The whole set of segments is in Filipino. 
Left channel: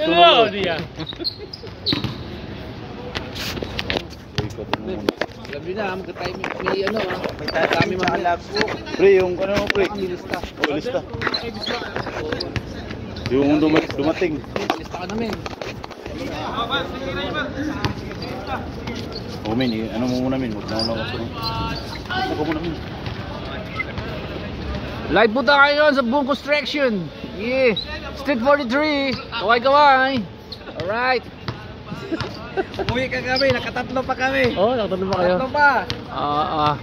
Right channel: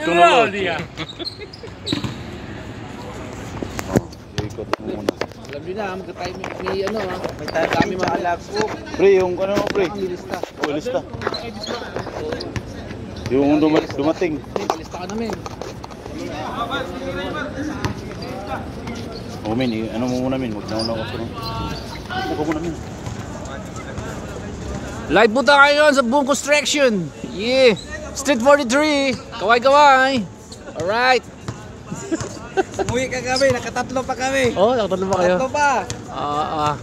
Ito na dia. Ikot muna. Alam nyo na, magka-time may ano ha. May kami mga labs. Pre, yung ano mo pre? Lista. Oh, lista. Yung dumating. Lista ka namin. Oh, min, ano mo muna min? Huwag na ako sunod. Ako muna min. Live po tayo ngayon sa Boom Construction. Yeah. Street 43. Kaway-kaway. Alright. Umuwi ka kami, nakatatlo pa kami. Oh, nakatatlo pa kayo? Tatlo pa.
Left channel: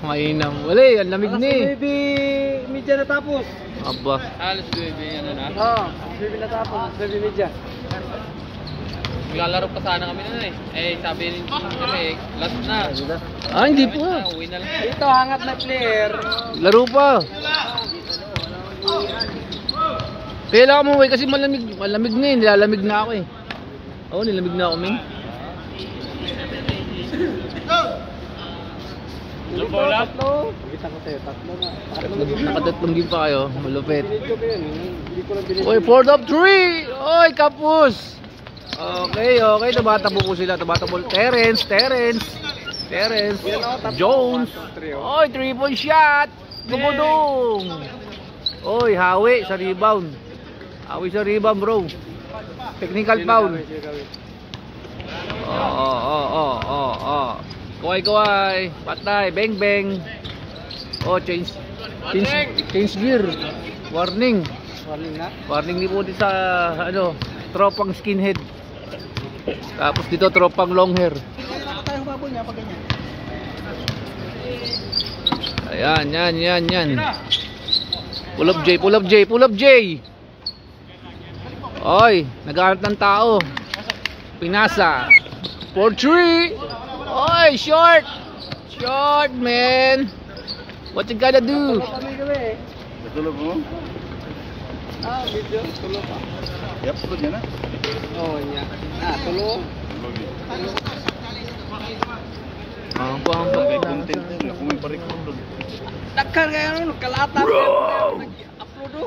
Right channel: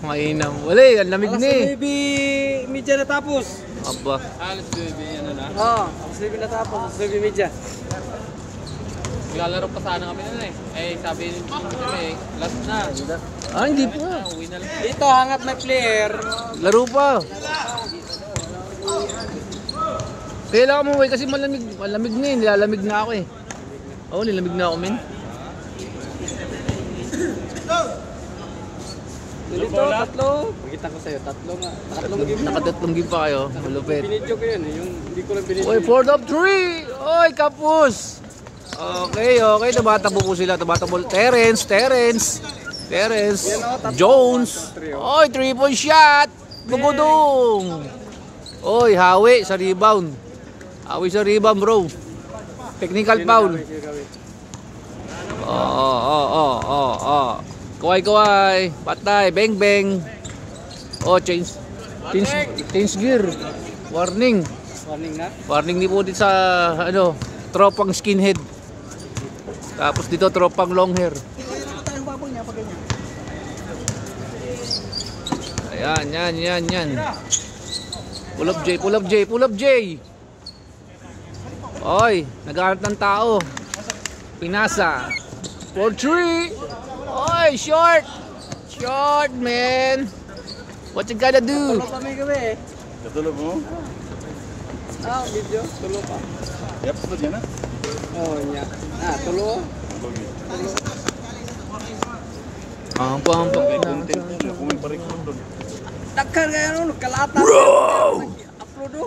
Mainam. Wala, ang lamig ni. Alas 9 media natapos. Aba. Alas 9 ano na? Oo, alas 9 natapos, alas 9 media. Maglalaro pa sana kami nun eh. Sabi ni kami, last na. Hindi po. Uwi na lang. Dito, hangat na player. Laro pa. Kailangan mo kasi malamig na eh. Nilalamig na ako eh. Oo, nilamig na ako min. Dito, tatlo. Magkita ko sa'yo, tatlo nga. Nakatatlong game pa kayo. Malupit. Binidyo ko yun, yung hindi ko lang binidyo. Oy, 4 up 3! Oy, kapus! Okay. Tumatakbo po sila. Tumatakbo. Terence. Jones. Oy, 3-point shot! Bubudong! Oy, hawi sa rebound. Hawi sa rebound, bro. Technical foul. Kuway. Patay. Bang. Oh, change gear. Warning. Warning nga. Warning din po din sa tropang skinhead. Tapos dito tropang long hair. Ayan. Pull up J. Oy, naghahanap ng tao. Pinasa. 4-3. Oy, short, man. What you gotta do? Tulog mo? Video, tulog ka. Yap, tulog yan na. Oo, niya. Tulog. Lagay content niya. Kung may pa-record doon. Takkan kayo nun, kalata. Upload do.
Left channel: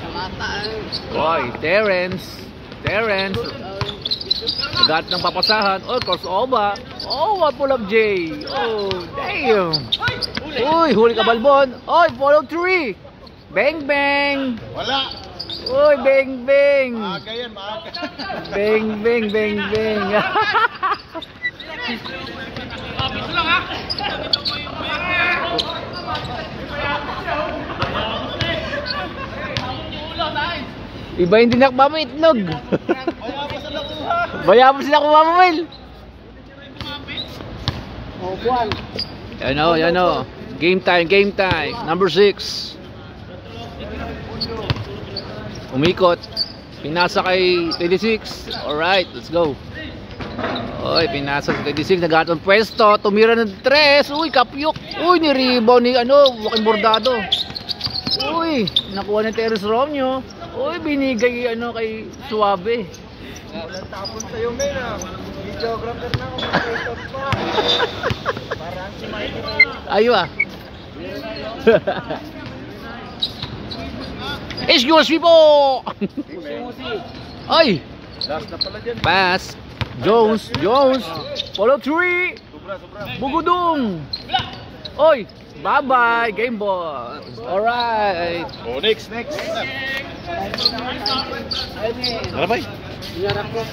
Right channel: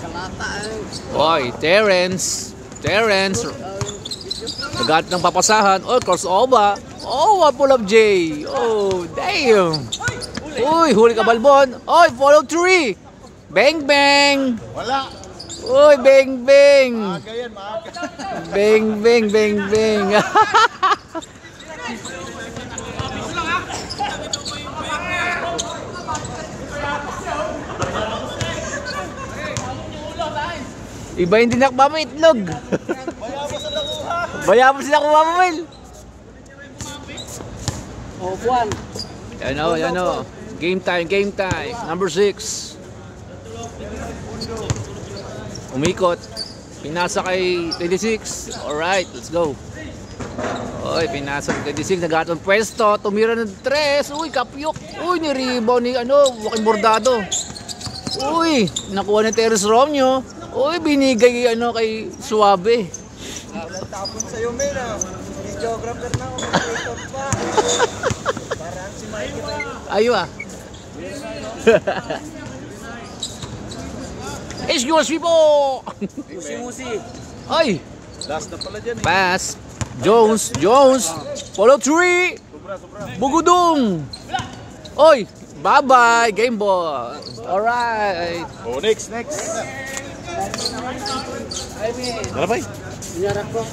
Kalata. Oy, Terence. Nagat ng papasahan. Oh, crossover. Oh, pull up J. Oh, damn. Uy, huli ka balbon. Oy, follow 3. Bang. Wala. Uy, bang. Maaga yan, maaga. Bang. Iba hindi nakbama itlog. Bayabon sila kumamamil. Oh, buwan. Yan o. Game time. Number 6. Umikot. Pinasa kay 26. Alright, let's go. Oy, pinasa kay 26. Naghatong pwesto. Tumira ng 3. Uy, kapyok. Uy, ni-rebound ni Joaquin Bordado. Uy, nakuha ni Terence Romeo. Uy, binigay kay Suave. Walang tapon sa'yo, men. Videographer na ako, mag-creator pa. Parang si Mikey. Ayo Excuse me po! Musi. Ay! Last na pala dyan. Pass! Jones! Follow 3! Bugudong! Oy! Bye-bye! Game ball! Alright! Oh, next. Wala ba? Iyarap ko.